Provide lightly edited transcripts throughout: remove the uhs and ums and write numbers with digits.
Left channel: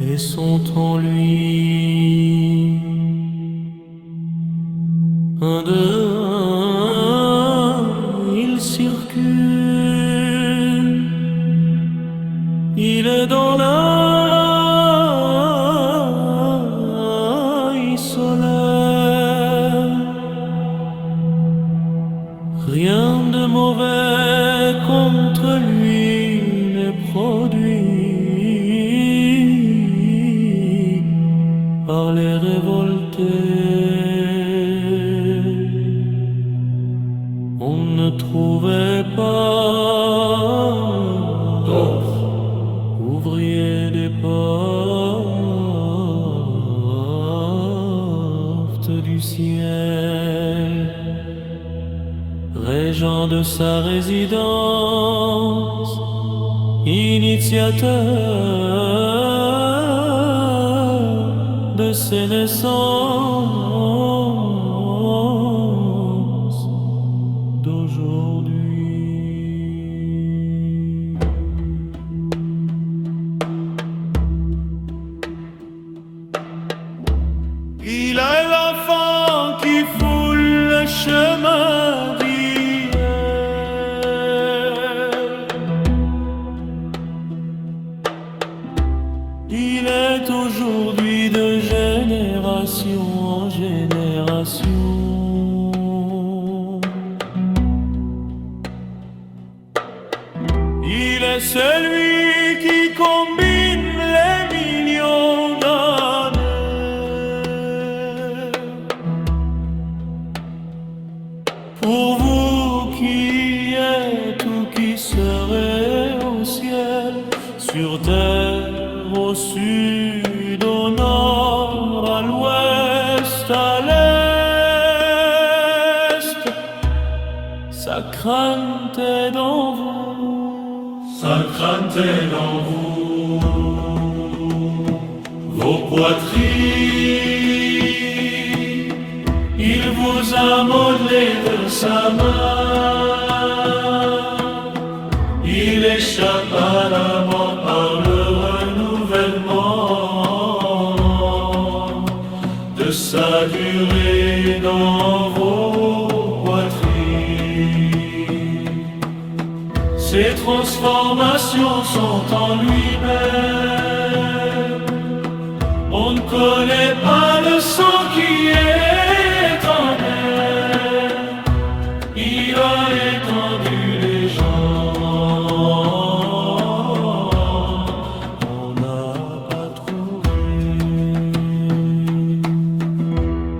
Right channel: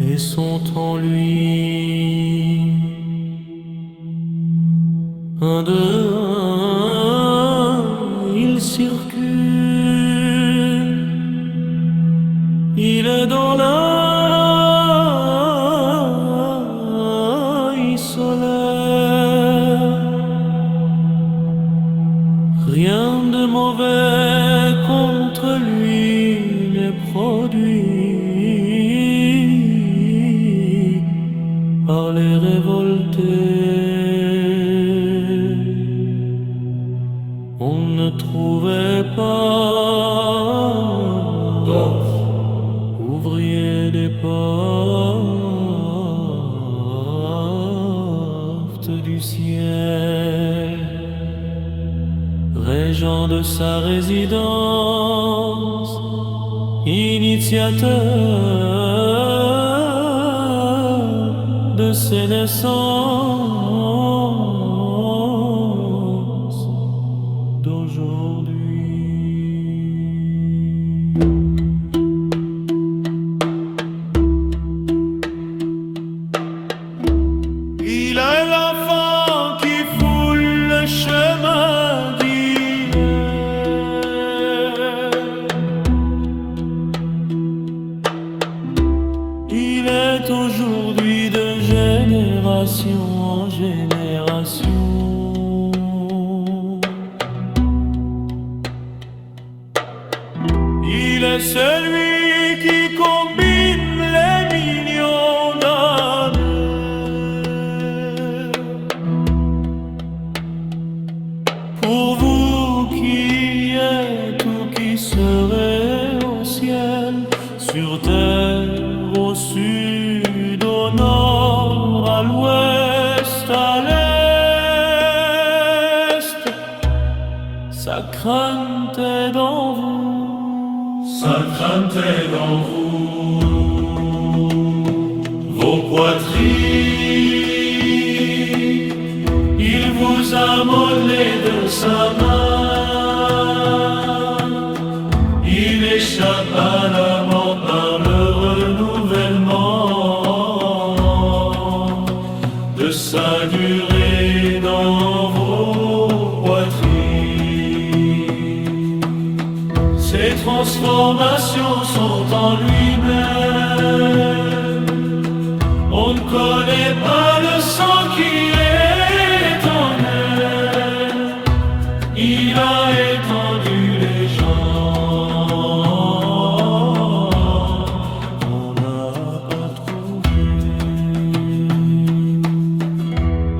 Et sont en lui un de un, il circule, il est dans l'œil solaire. Rien de mauvais contre lui n'est produit par les révoltés. On ne trouvait pas d'autres ouvriers des portes du ciel, régent de sa résidence, initiateur de ses naissances d'aujourd'hui. Il est l'enfant qui foule le chemin d'hier. Il est aujourd'hui de génération en génération. Il est celui qui combine les millions d'années. Pour vous qui êtes ou qui serez au ciel, sur terre, au sud, au nord, à l'ouest, à l'est, sa crainte est dans vous. Sa crainte est dans vous. Vos poitrines, il vous a modelé de sa main. Il échappe à la mort par le renouvellement de sa durée dans vos poitrines. Ces transformations sont en lui-même. On ne connaît pas le sang qui est en elle. Il a étendu les gens. On n'a pas trouvé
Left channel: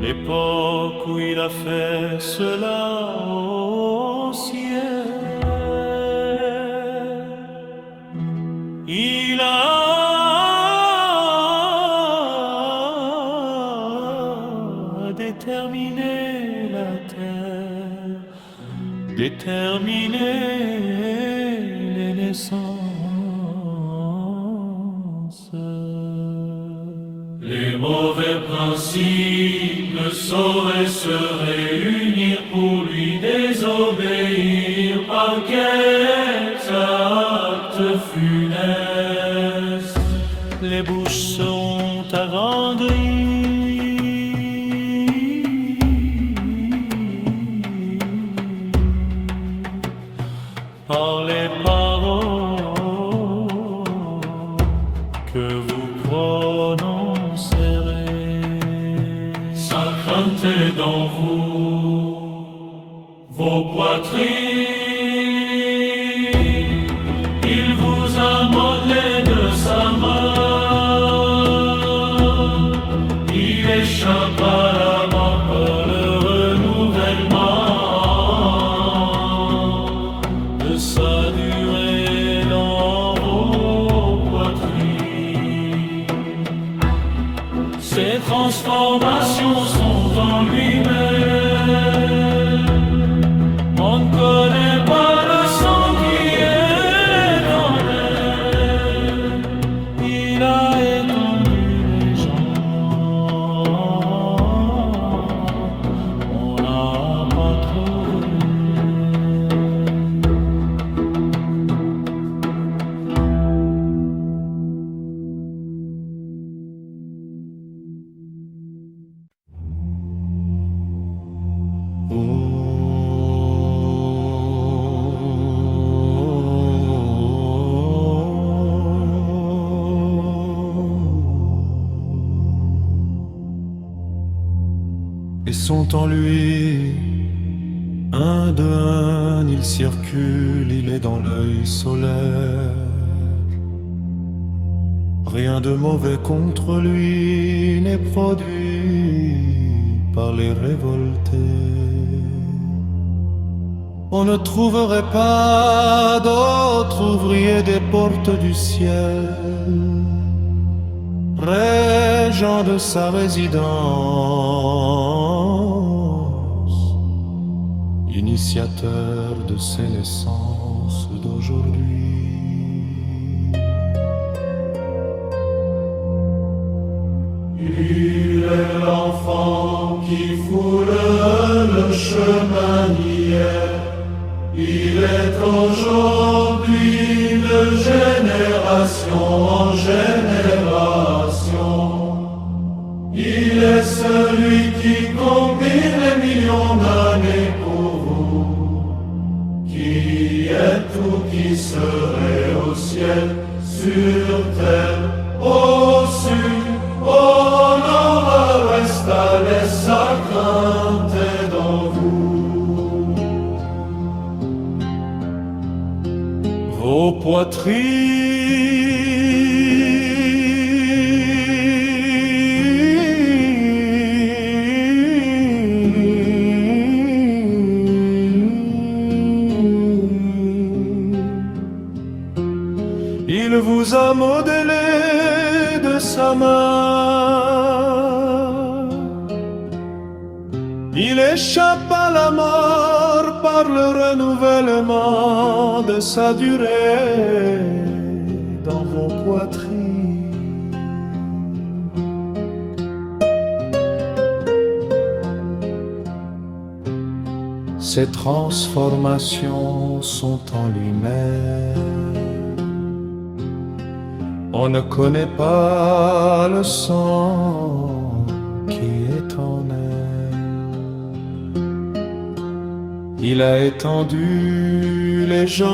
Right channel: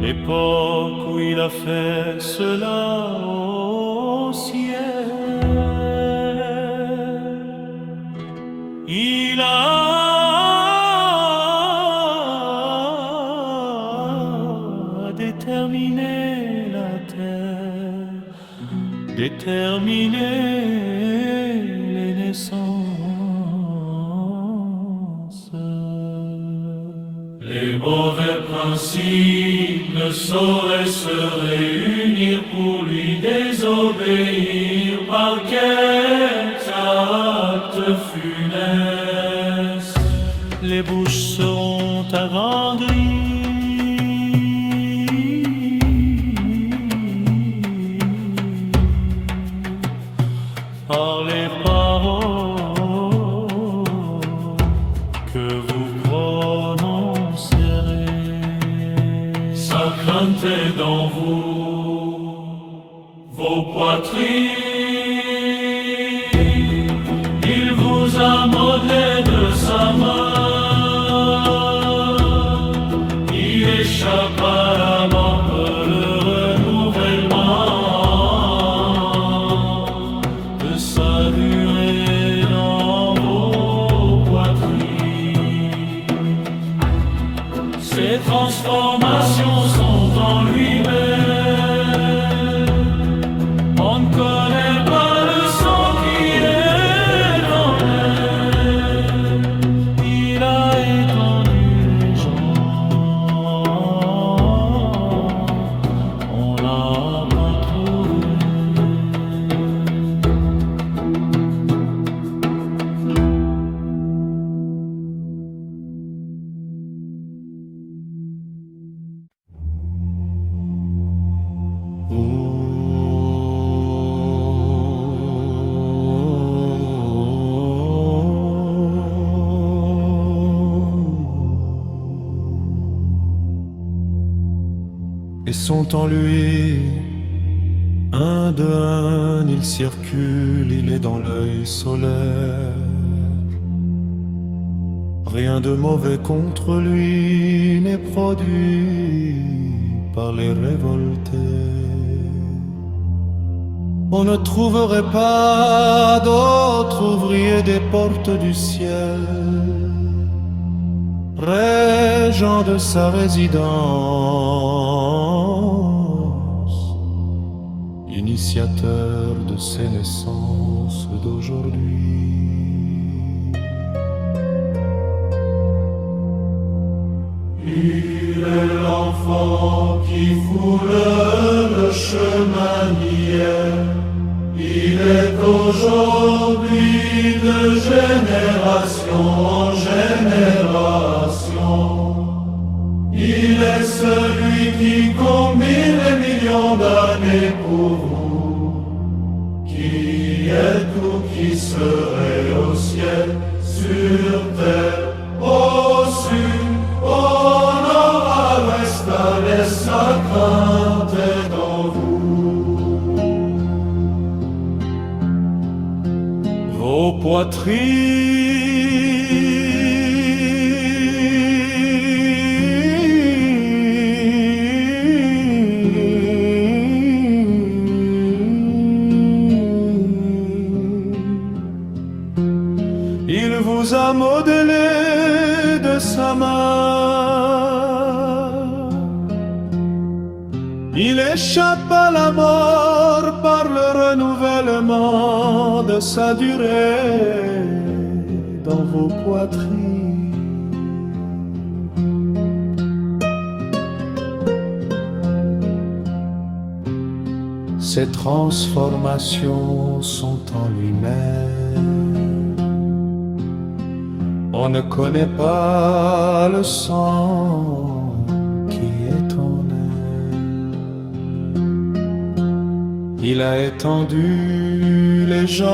l'époque où il a fait cela au ciel. Il a déterminé la terre, déterminé les naissances. Les mauvais principes ne sauraient se réunir pour lui désobéir par quelques actes funestes. Les bouches seront aranguries par les paroles que vous prononcerez. Sa crainte est dans vous, vos poitrines. Il vous a modelé de sa main. Il échappe à la mort par le renouvellement de sa durée dans vos poitrines. Ces transformations sont en lui-même. On ne connaît pas le sang qui est en elle. Il a étendu les gens. On n'a pas trouvé Et sont en lui, un de un, il circule, il est dans l'œil solaire. Rien de mauvais contre lui n'est produit par les révoltés. On ne trouverait pas d'autres ouvriers des portes du ciel, régent de sa résidence, initiateur de ses naissances d'aujourd'hui. Il est l'enfant qui foule le chemin d'hier. Il est aujourd'hui de génération en génération. Il est celui qui combine les millions d'années pour vous, qui est tout, qui serait au ciel, sur terre, au sud, au nord, à l'ouest, à l'est, sa crainte est dans vous. Vos poitrines, il vous a modelé de sa main. Il échappe à la mort par le renouvellement de sa durée dans vos poitrines. Ces transformations sont en lui-même. On ne connaît pas le sang qui est en elle. Il a étendu les gens